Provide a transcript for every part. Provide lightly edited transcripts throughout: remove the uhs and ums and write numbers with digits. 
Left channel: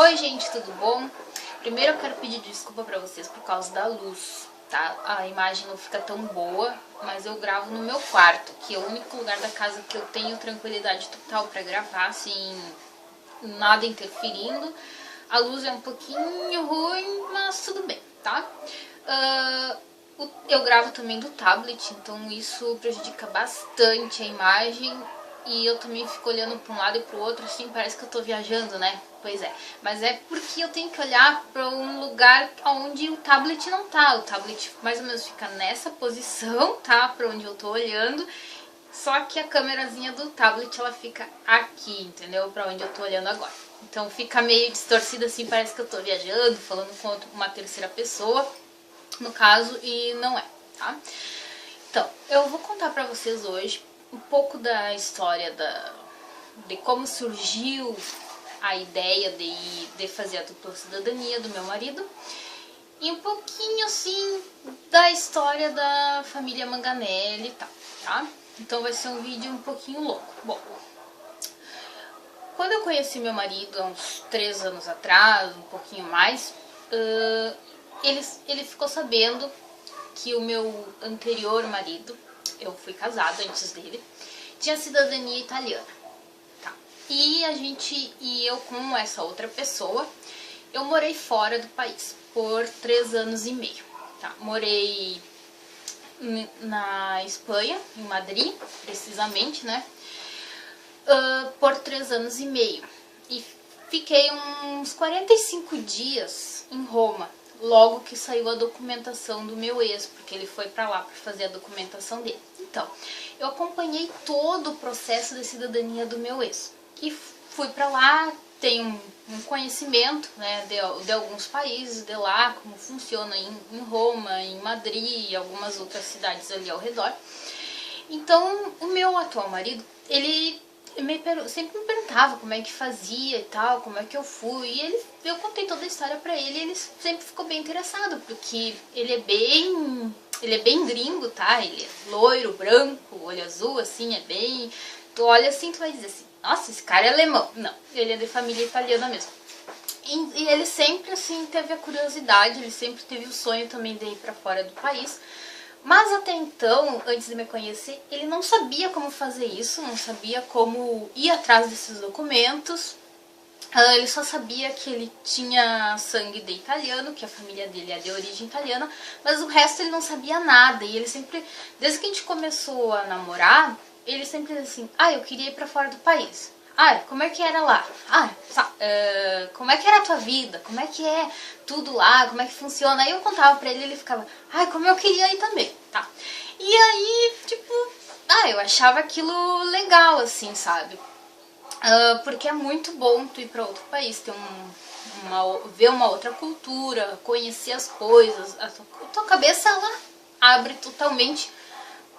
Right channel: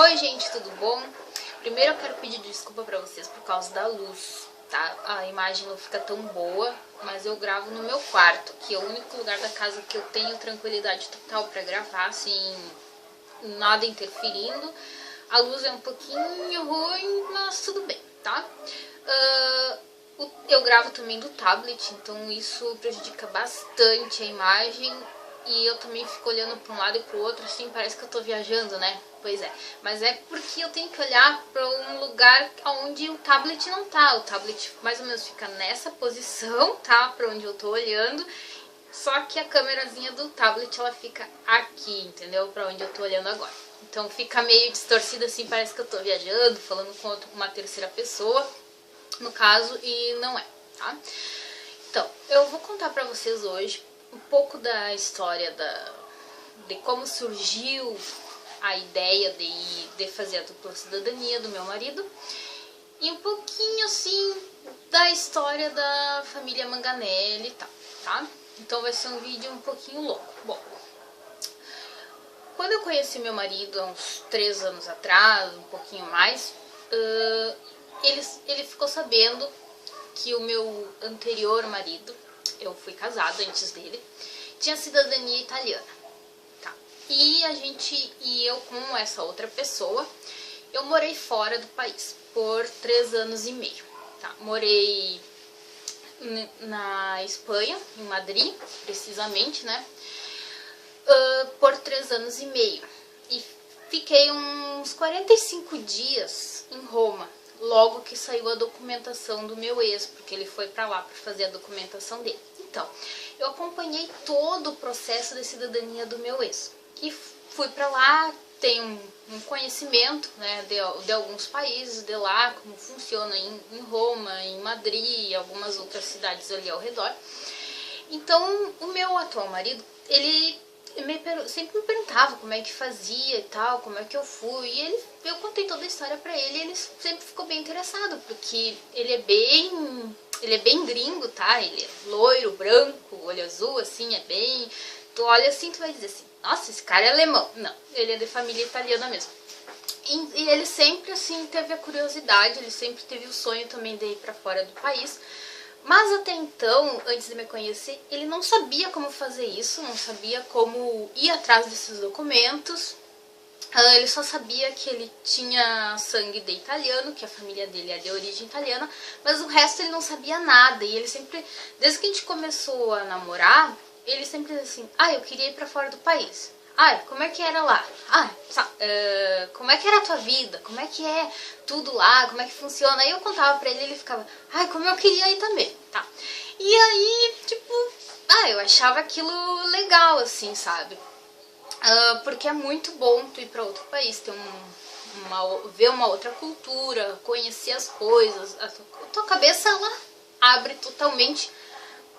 Oi gente, tudo bom? Primeiro eu quero pedir desculpa pra vocês por causa da luz, tá? A imagem não fica tão boa, mas eu gravo no meu quarto, que é o único lugar da casa que eu tenho tranquilidade total pra gravar, assim, nada interferindo. A luz é um pouquinho ruim, mas tudo bem, tá? Eu gravo também do tablet, então isso prejudica bastante a imagem. E eu também fico olhando para um lado e para o outro, assim, parece que eu tô viajando, né? Pois é, mas é porque eu tenho que olhar para um lugar onde o tablet não tá. O tablet mais ou menos fica nessa posição, tá? Para onde eu tô olhando. Só que a câmerazinha do tablet, ela fica aqui, entendeu? Para onde eu tô olhando agora. Então fica meio distorcida assim, parece que eu tô viajando, falando com uma terceira pessoa, no caso, e não é, tá? Então, eu vou contar pra vocês hoje um pouco da história de como surgiu a ideia de fazer a dupla cidadania do meu marido e um pouquinho assim da história da família Manganelli e tal, tá? Então vai ser um vídeo um pouquinho longo. Bom, quando eu conheci meu marido há uns 3 anos atrás, um pouquinho mais, ele ficou sabendo que o meu anterior marido, eu fui casada antes dele, tinha cidadania italiana, tá? E eu com essa outra pessoa, eu morei fora do país por 3 anos e meio, tá? Morei na Espanha, em Madrid, precisamente, né? Por 3 anos e meio. E fiquei uns 45 dias em Roma, logo que saiu a documentação do meu ex, porque ele foi pra lá pra fazer a documentação dele. Então, eu acompanhei todo o processo de cidadania do meu ex. E fui pra lá, tenho um conhecimento, né, de alguns países de lá, como funciona em Roma, em Madrid e algumas outras cidades ali ao redor. Então, o meu atual marido, ele sempre me perguntava como é que fazia e tal, como é que eu fui. E eu contei toda a história pra ele e ele sempre ficou bem interessado, porque ele é bem gringo, tá? Ele é loiro, branco, olho azul, assim, é bem... Tu olha assim, tu vai dizer assim, nossa, esse cara é alemão. Não, ele é de família italiana mesmo. E ele sempre, assim, teve a curiosidade, ele sempre teve o sonho também de ir pra fora do país. Mas até então, antes de me conhecer, ele não sabia como fazer isso, não sabia como ir atrás desses documentos. Ele só sabia que ele tinha sangue de italiano, que a família dele é de origem italiana, mas o resto ele não sabia nada. E ele sempre, desde que a gente começou a namorar, ele sempre dizia assim, eu queria ir pra fora do país. Como é que era lá? Como é que era a tua vida? Como é que é tudo lá? Como é que funciona? Aí eu contava pra ele e ele ficava, como eu queria ir também, tá? E aí, tipo, eu achava aquilo legal, assim, sabe? Porque é muito bom tu ir pra outro país, ter ver uma outra cultura, conhecer as coisas. A tua cabeça, ela abre totalmente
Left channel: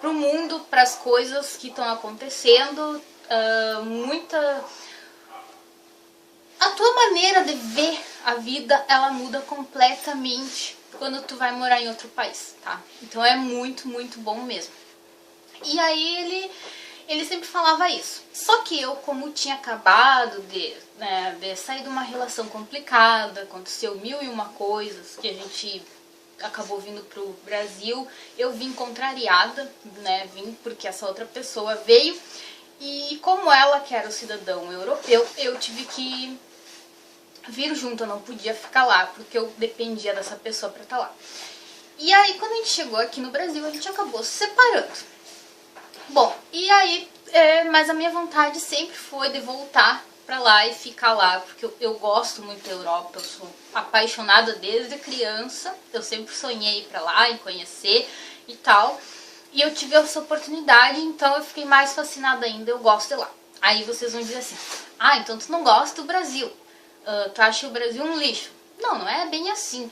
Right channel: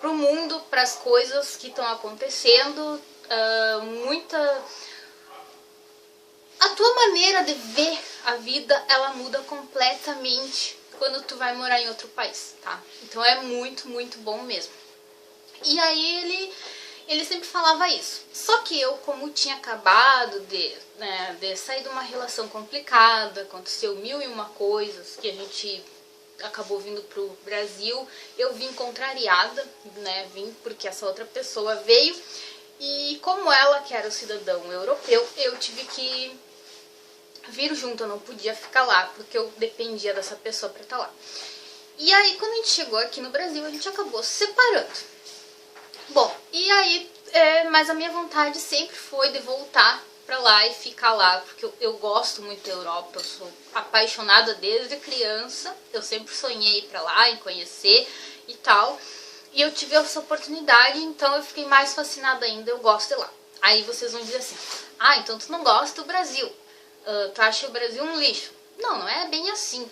pro mundo, pras coisas que estão acontecendo. A tua maneira de ver a vida, ela muda completamente quando tu vai morar em outro país, tá? Então é muito, muito bom mesmo. E aí ele sempre falava isso. Só que eu, como tinha acabado de sair de uma relação complicada, aconteceu 1001 coisas, que a gente acabou vindo pro Brasil, eu vim contrariada, né? Vim porque essa outra pessoa veio. E como ela, que era o cidadão europeu, eu tive que vir junto, eu não podia ficar lá, porque eu dependia dessa pessoa pra estar lá. E aí, quando a gente chegou aqui no Brasil, a gente acabou se separando. Bom, e aí, mas a minha vontade sempre foi de voltar pra lá e ficar lá, porque eu gosto muito da Europa, eu sou apaixonada desde criança, eu sempre sonhei ir pra lá e conhecer e tal. E eu tive essa oportunidade, então eu fiquei mais fascinada ainda, eu gosto de lá. Aí vocês vão dizer assim, então tu não gosta do Brasil, tu acha o Brasil um lixo. Não, não é bem assim.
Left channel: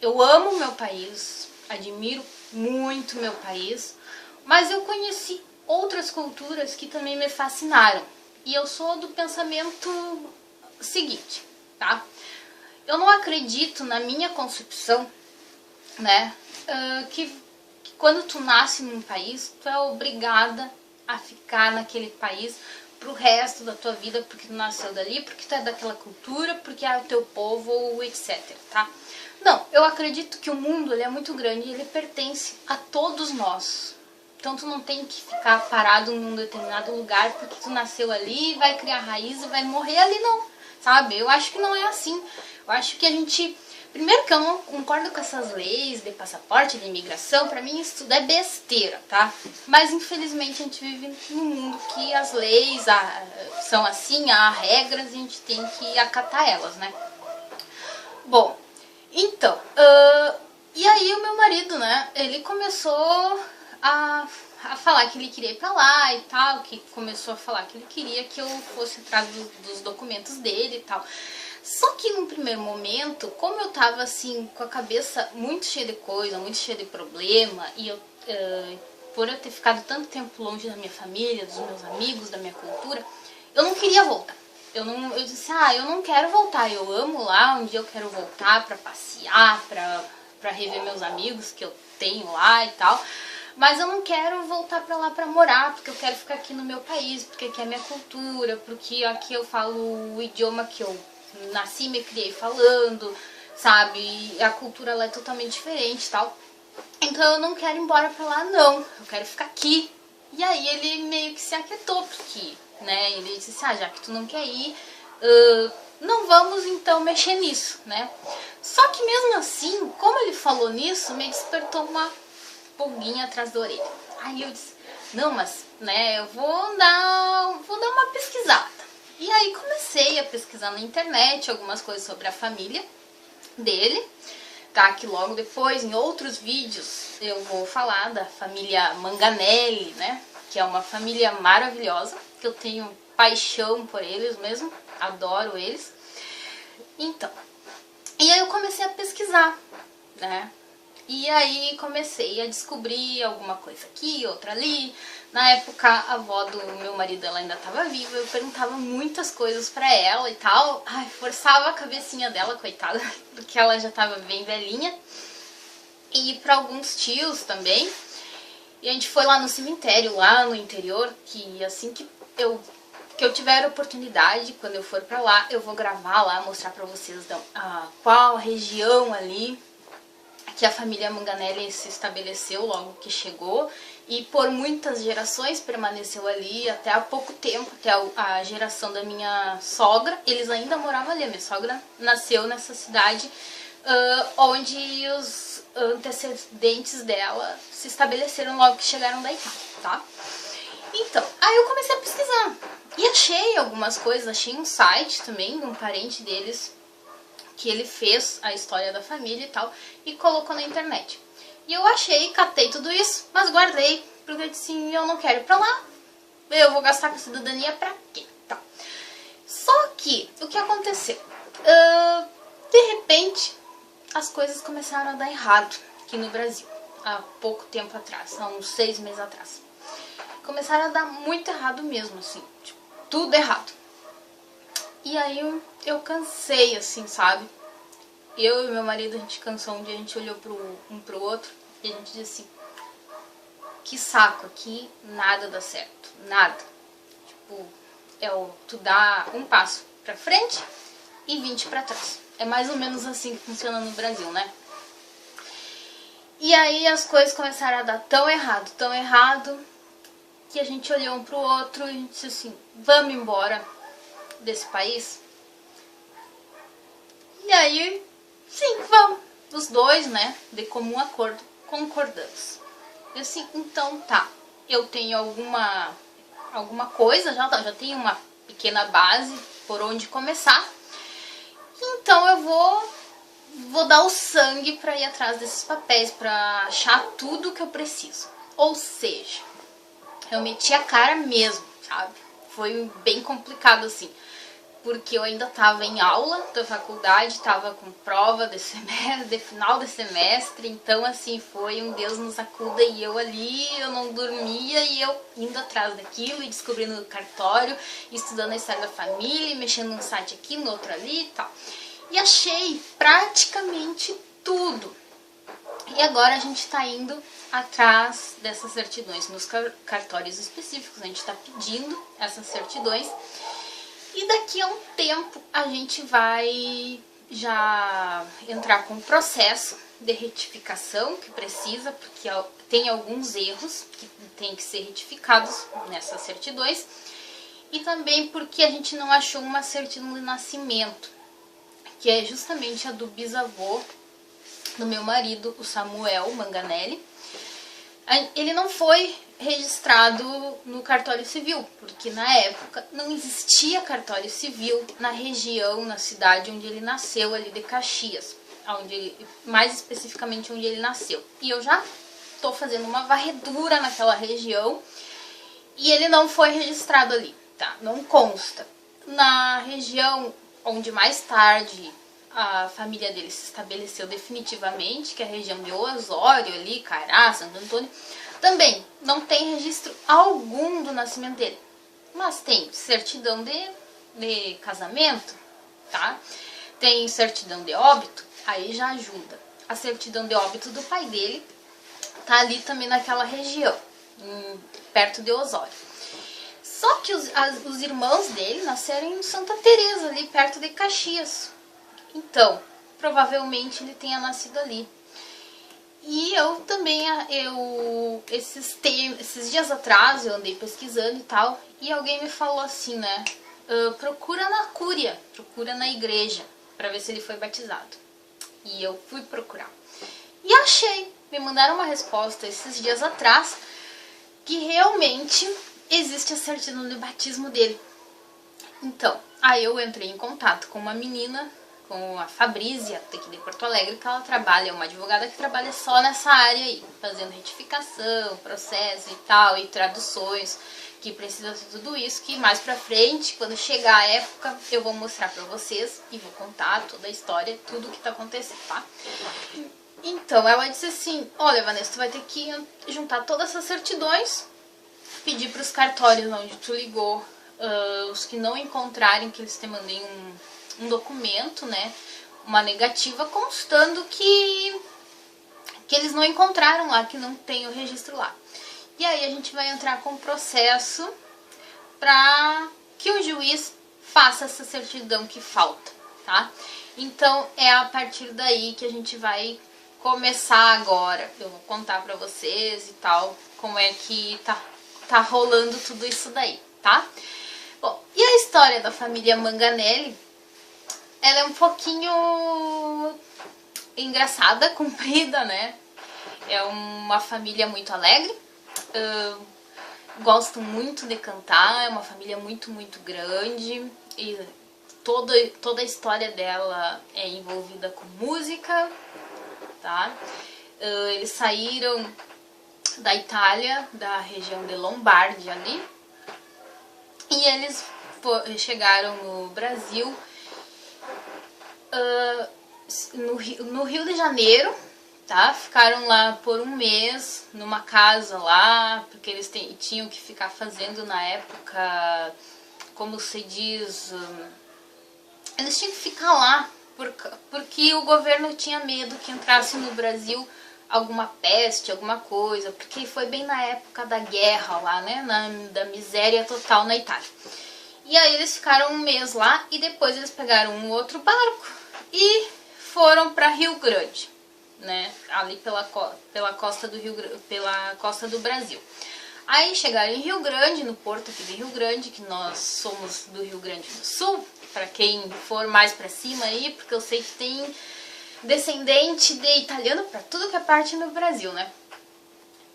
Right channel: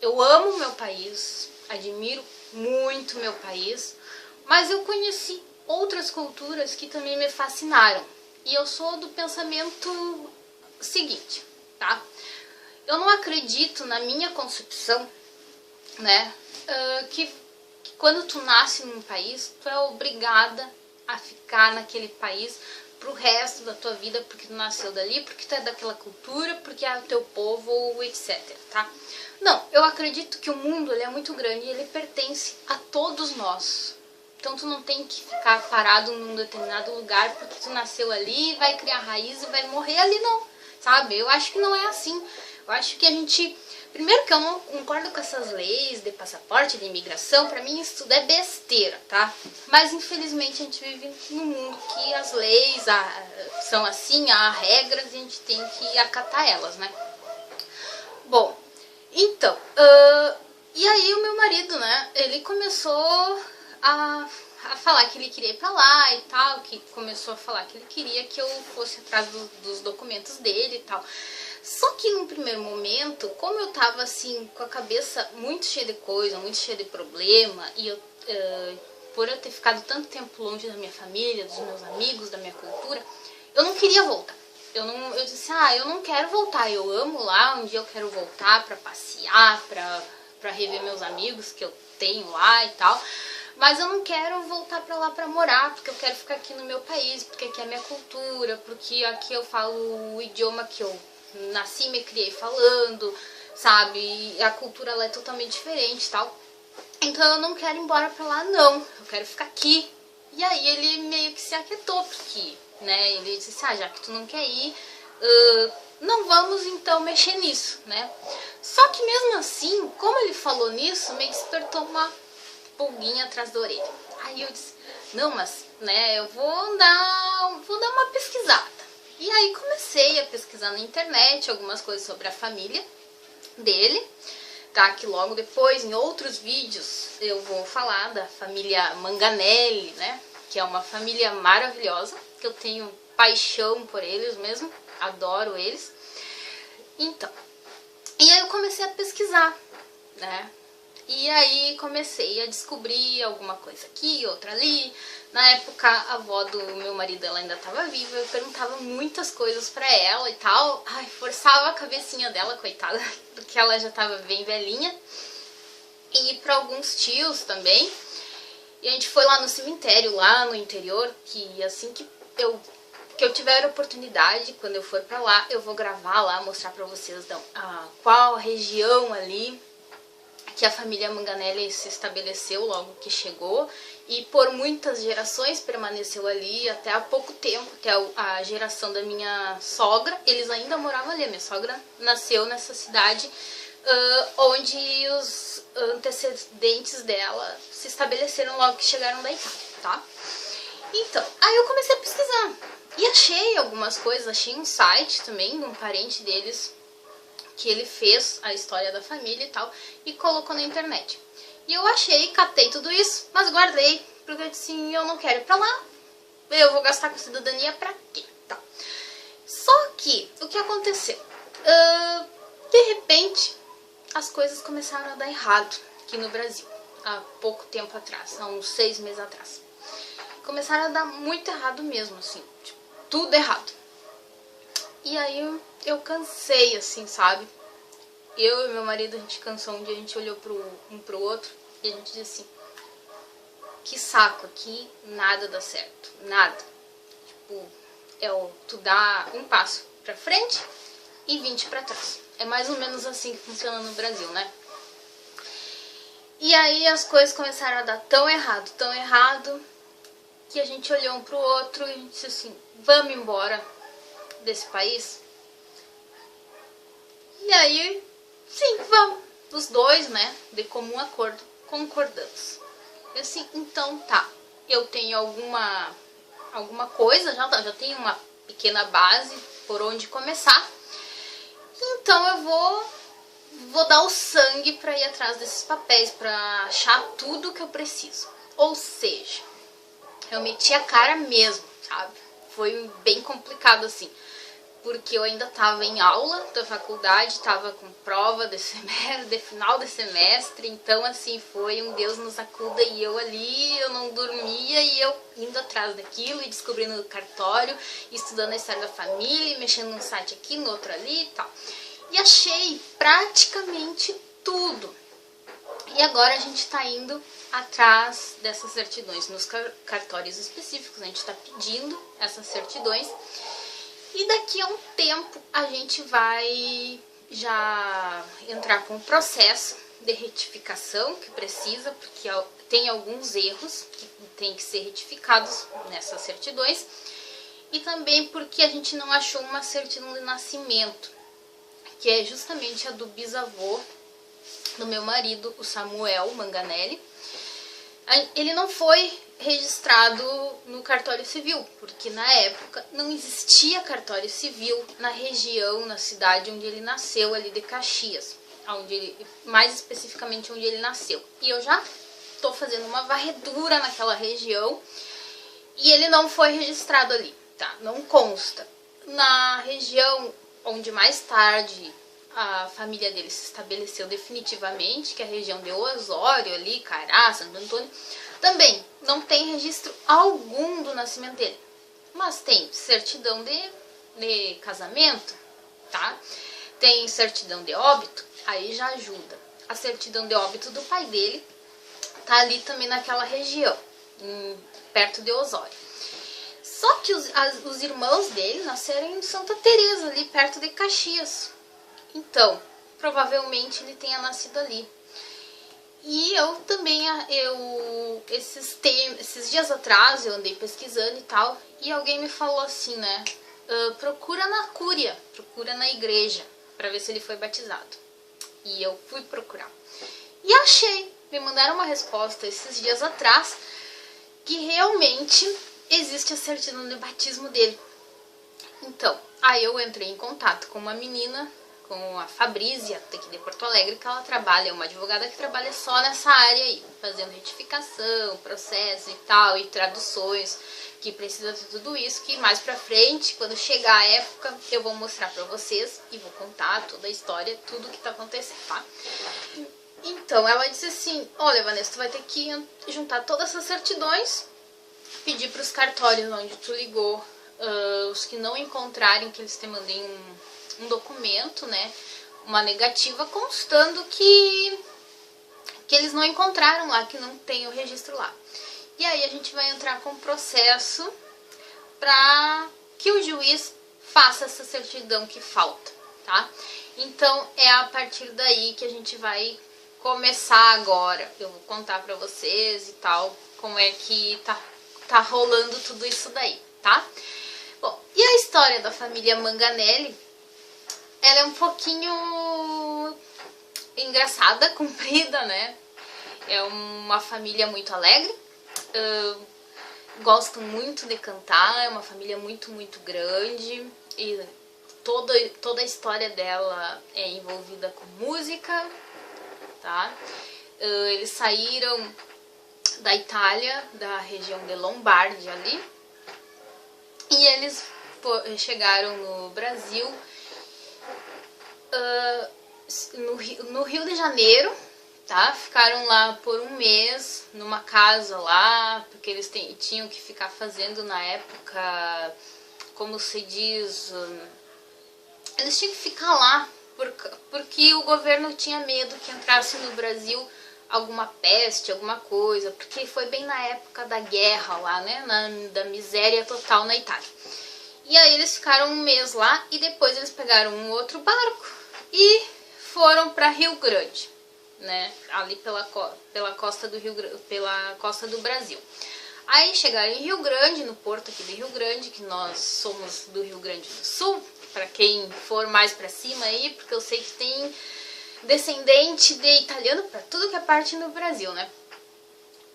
Eu amo meu país, admiro muito meu país, mas eu conheci outras culturas que também me fascinaram. E eu sou do pensamento seguinte, tá? Eu não acredito na minha concepção, né, que quando tu nasce num país, tu é obrigada a ficar naquele país pro resto da tua vida, porque tu nasceu dali, porque tu é daquela cultura, porque é o teu povo, ou etc, tá? Não, eu acredito que o mundo, ele é muito grande e ele pertence a todos nós. Então tu não tem que ficar parado num determinado lugar porque tu nasceu ali, vai criar raiz e vai morrer ali, não, sabe? Eu acho que não é assim. Eu acho que a gente... Primeiro que eu não concordo com essas leis de passaporte, de imigração, pra mim isso tudo é besteira, tá? Mas infelizmente a gente vive num mundo que as leis são assim, há regras e a gente tem que acatar elas, né? Bom, então, e aí o meu marido, né, ele começou a falar que ele queria ir pra lá e tal, que começou a falar que ele queria que eu fosse atrás dos documentos dele e tal. Só que num primeiro momento, como eu tava assim, com a cabeça muito cheia de coisa, muito cheia de problema, e eu, por eu ter ficado tanto tempo longe da minha família, dos meus amigos, da minha cultura, eu não queria voltar. Eu disse, eu não quero voltar, eu amo lá, um dia eu quero voltar pra passear, pra rever meus amigos que eu tenho lá e tal. Mas eu não quero voltar pra lá pra morar, porque eu quero ficar aqui no meu país, porque aqui é a minha cultura, porque aqui eu falo o idioma que eu nasci e me criei falando, sabe? E a cultura lá é totalmente diferente e tal. Então eu não quero ir embora pra lá, não. Eu quero ficar aqui. E aí ele meio que se aquietou, porque, né? Ele disse, já que tu não quer ir, não vamos então mexer nisso, né? Só que mesmo assim, como ele falou nisso, me despertou uma pulguinha atrás da orelha. Aí eu disse, não, mas, né, eu vou dar uma pesquisada. E aí comecei a pesquisar na internet algumas coisas sobre a família dele, tá? Que logo depois, em outros vídeos, eu vou falar da família Manganelli, né? Que é uma família maravilhosa, que eu tenho paixão por eles mesmo, adoro eles. Então, e aí eu comecei a pesquisar, né? E aí comecei a descobrir alguma coisa aqui, outra ali. Na época, a avó do meu marido, ela ainda estava viva. Eu perguntava muitas coisas pra ela e tal. Ai, forçava a cabecinha dela, coitada, porque ela já estava bem velhinha. E pra alguns tios também. E a gente foi lá no cemitério, lá no interior, que assim que eu tiver a oportunidade, quando eu for pra lá, eu vou gravar lá, mostrar pra vocês qual região ali que a família Manganelli se estabeleceu logo que chegou e por muitas gerações permaneceu ali até há pouco tempo, até a geração da minha sogra, eles ainda moravam ali. A minha sogra nasceu nessa cidade onde os antecedentes dela se estabeleceram logo que chegaram da Itália, tá? Então, aí eu comecei a pesquisar e achei algumas coisas, achei um site também de um parente deles que ele fez a história da família e tal, e colocou na internet. E eu achei, catei tudo isso, mas guardei, porque eu disse, eu não quero ir pra lá, eu vou gastar com cidadania pra quê? Tá. Só que, o que aconteceu? De repente, as coisas começaram a dar errado aqui no Brasil, há pouco tempo atrás, há uns 6 meses atrás. Começaram a dar muito errado mesmo, assim, tipo, tudo errado. E aí eu cansei, assim, sabe? Eu e meu marido, a gente cansou um dia, a gente olhou um pro outro e a gente disse assim, que saco, aqui nada dá certo, nada. Tipo, tu dá um passo pra frente e 20 pra trás. É mais ou menos assim que funciona no Brasil, né? E aí as coisas começaram a dar tão errado, que a gente olhou um pro outro e a gente disse assim, vamos embora desse país? E aí, sim, vamos. Os dois, né, de comum acordo, concordamos. Eu assim, então tá, eu tenho alguma coisa, já tenho uma pequena base por onde começar. Então eu vou dar o sangue pra ir atrás desses papéis, pra achar tudo que eu preciso. Ou seja, eu meti a cara mesmo, sabe? Foi bem complicado assim, porque eu ainda tava em aula da faculdade, tava com prova de final de semestre, então assim, foi um Deus nos acuda e eu ali, eu não dormia e eu indo atrás daquilo e descobrindo no cartório, estudando a história da família, mexendo num site aqui, no outro ali e tal. E achei praticamente tudo. E agora a gente está indo atrás dessas certidões nos cartórios específicos, a gente está pedindo essas certidões. E daqui a um tempo a gente vai já entrar com o processo de retificação que precisa, porque tem alguns erros que tem que ser retificados nessas certidões. E também porque a gente não achou uma certidão de nascimento, que é justamente a do bisavô do meu marido, o Samuel Manganelli. Ele não foi registrado no cartório civil, porque na época não existia cartório civil na região, na cidade onde ele nasceu, ali de Caxias, mais especificamente onde ele nasceu. E eu já estou fazendo uma varredura naquela região e ele não foi registrado ali, tá? Não consta. Na região onde mais tarde a família dele se estabeleceu definitivamente, que é a região de Osório, ali, Cará, Santo Antônio, também não tem registro algum do nascimento dele. Mas tem certidão de casamento, tá? Tem certidão de óbito, aí já ajuda. A certidão de óbito do pai dele tá ali também naquela região, perto de Osório. Só que os irmãos dele nasceram em Santa Teresa, ali perto de Caxias. Então, provavelmente ele tenha nascido ali. E eu também, esses dias atrás, eu andei pesquisando e tal, e alguém me falou assim, né? Procura na cúria, procura na igreja, para ver se ele foi batizado. E eu fui procurar. E achei, me mandaram uma resposta esses dias atrás, que realmente existe a certidão de batismo dele. Então, aí eu entrei em contato com uma menina, com a Fabrícia, daqui de Porto Alegre, que ela trabalha, é uma advogada que trabalha só nessa área aí, fazendo retificação, processo e tal, e traduções, que precisa de tudo isso, que mais pra frente, quando chegar a época, eu vou mostrar pra vocês e vou contar toda a história, tudo o que tá acontecendo, tá? Então, ela disse assim, olha, Vanessa, tu vai ter que juntar todas essas certidões, pedir pros cartórios onde tu ligou, os que não encontrarem, que eles te mandem um documento, né, uma negativa constando que eles não encontraram lá, que não tem o registro lá. E aí a gente vai entrar com o processo para que o juiz faça essa certidão que falta, tá? Então é a partir daí que a gente vai começar agora. Eu vou contar para vocês e tal como é que tá rolando tudo isso daí, tá? Bom, e a história da família Manganelli, ela é um pouquinho engraçada, comprida, né? É uma família muito alegre, gostam muito de cantar, é uma família muito, muito grande e toda a história dela é envolvida com música, tá? Eles saíram da Itália, da região de Lombardia ali, e eles chegaram no Brasil no Rio de Janeiro, tá? Ficaram lá por um mês, numa casa lá, porque eles tinham que ficar fazendo na época, como se diz, eles tinham que ficar lá, porque o governo tinha medo que entrasse no Brasil alguma peste, alguma coisa, porque foi bem na época da guerra lá, né? Da miséria total na Itália. E aí eles ficaram um mês lá e depois eles pegaram um outro barco e foram para Rio Grande, né? Ali pela costa do pela costa do Brasil. Aí chegaram em Rio Grande, no porto aqui de Rio Grande, que nós somos do Rio Grande do Sul, para quem for mais para cima aí, porque eu sei que tem descendente de italiano para tudo que é parte no Brasil, né?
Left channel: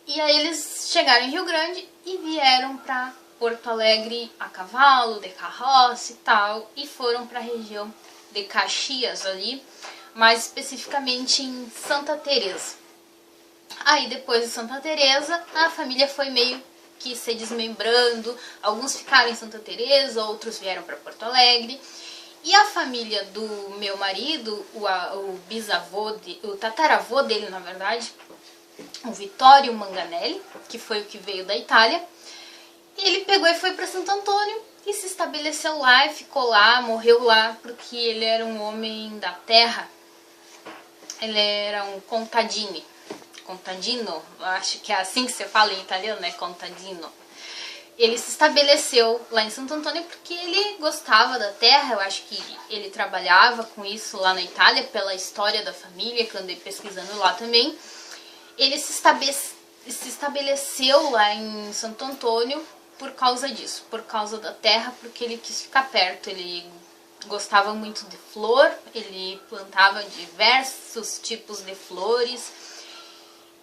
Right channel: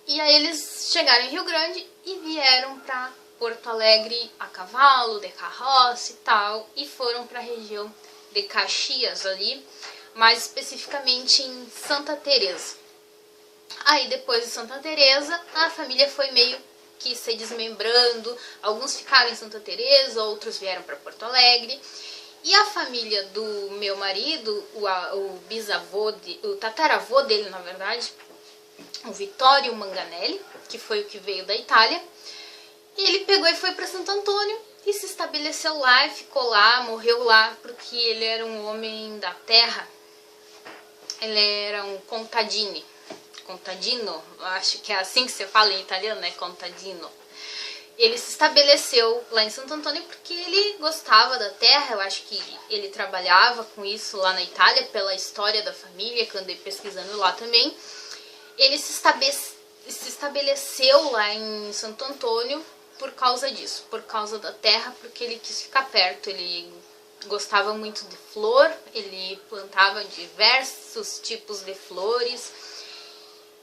E aí eles chegaram em Rio Grande e vieram para Porto Alegre a cavalo, de carroça e tal, e foram para a região de Caxias ali, mais especificamente em Santa Teresa. Aí depois de Santa Teresa, a família foi meio que se desmembrando, alguns ficaram em Santa Teresa, outros vieram para Porto Alegre. E a família do meu marido, o bisavô, o tataravô dele, na verdade, o Vittorio Manganelli, que foi o que veio da Itália, ele pegou e foi para Santo Antônio e se estabeleceu lá e ficou lá, morreu lá, porque ele era um homem da terra, ele era um contadini, contadino, acho que é assim que você fala em italiano, né? Contadino. Ele se estabeleceu lá em Santo Antônio porque ele gostava da terra. Eu acho que ele trabalhava com isso lá na Itália, pela história da família, que eu andei pesquisando lá também. Ele se estabeleceu lá em Santo Antônio por causa disso, por causa da terra, porque ele quis ficar perto. Ele gostava muito de flor, ele plantava diversos tipos de flores.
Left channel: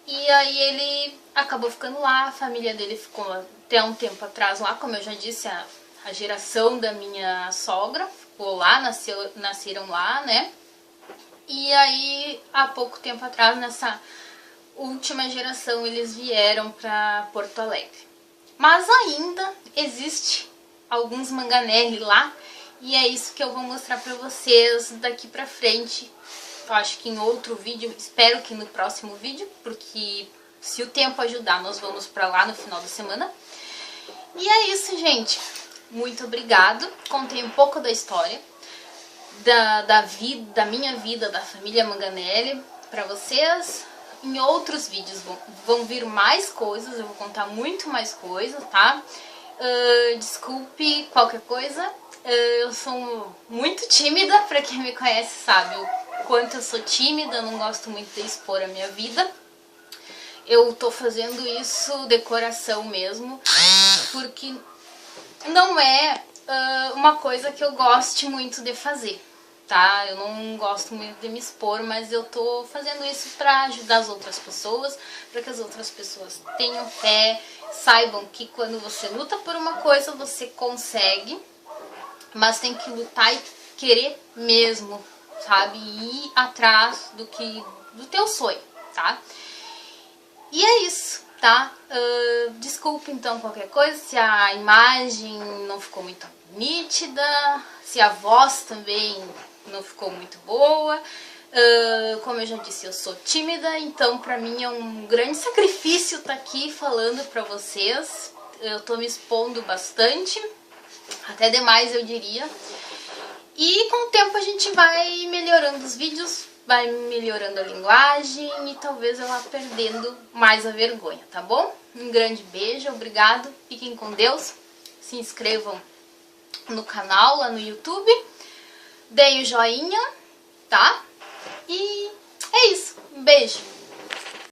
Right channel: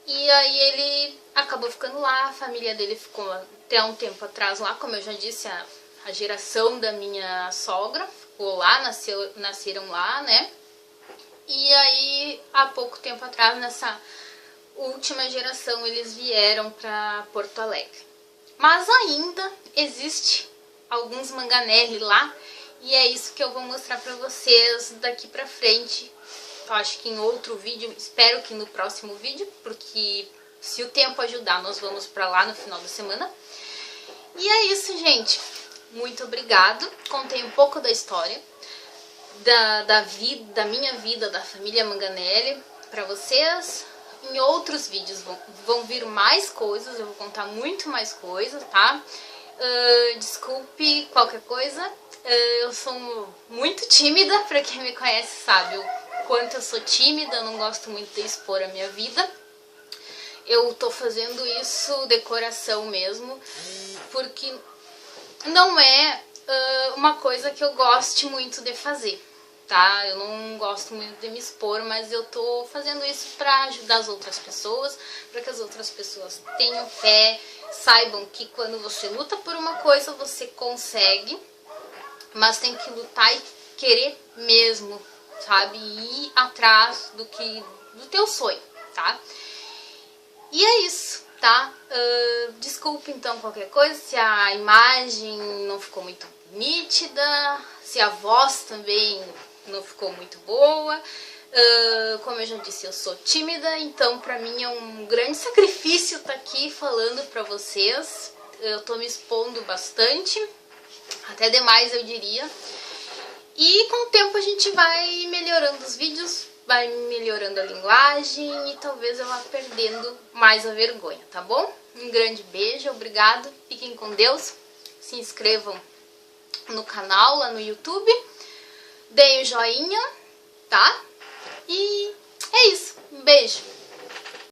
E aí ele acabou ficando lá, a família dele ficou até um tempo atrás lá, como eu já disse, a geração da minha sogra ficou lá, nasceram lá, né? E aí, há pouco tempo atrás, nessa última geração, eles vieram para Porto Alegre. Mas ainda existe alguns Manganelli lá, e é isso que eu vou mostrar para vocês daqui pra frente. Eu acho que em outro vídeo, espero que no próximo vídeo, porque se o tempo ajudar, nós vamos pra lá no final da semana. E é isso, gente. Muito obrigado. Contei um pouco da história, da minha vida, da família Manganelli pra vocês. Em outros vídeos vão vir mais coisas, eu vou contar muito mais coisas, tá? Desculpe qualquer coisa. Eu sou muito tímida, pra quem me conhece sabe o quanto eu sou tímida, eu não gosto muito de expor a minha vida. Eu tô fazendo isso de coração mesmo, porque não é uma coisa que eu goste muito de fazer, tá? Eu não gosto muito de me expor, mas eu tô fazendo isso pra ajudar as outras pessoas, pra que as outras pessoas tenham fé, saibam que quando você luta por uma coisa, você consegue, mas tem que lutar e querer mesmo, sabe? E ir atrás do teu sonho, tá? E é isso, tá? Desculpe então qualquer coisa, se a imagem não ficou muito nítida, se a voz também não ficou muito boa. Como eu já disse, eu sou tímida, então pra mim é um grande sacrifício estar aqui falando pra vocês. Eu tô me expondo bastante, até demais eu diria. E com o tempo a gente vai melhorando os vídeos, vai melhorando a linguagem e talvez eu vá perdendo mais a vergonha, tá bom? Um grande beijo, obrigado, fiquem com Deus, se inscrevam no canal lá no YouTube, deem o joinha, tá? E é isso, um beijo!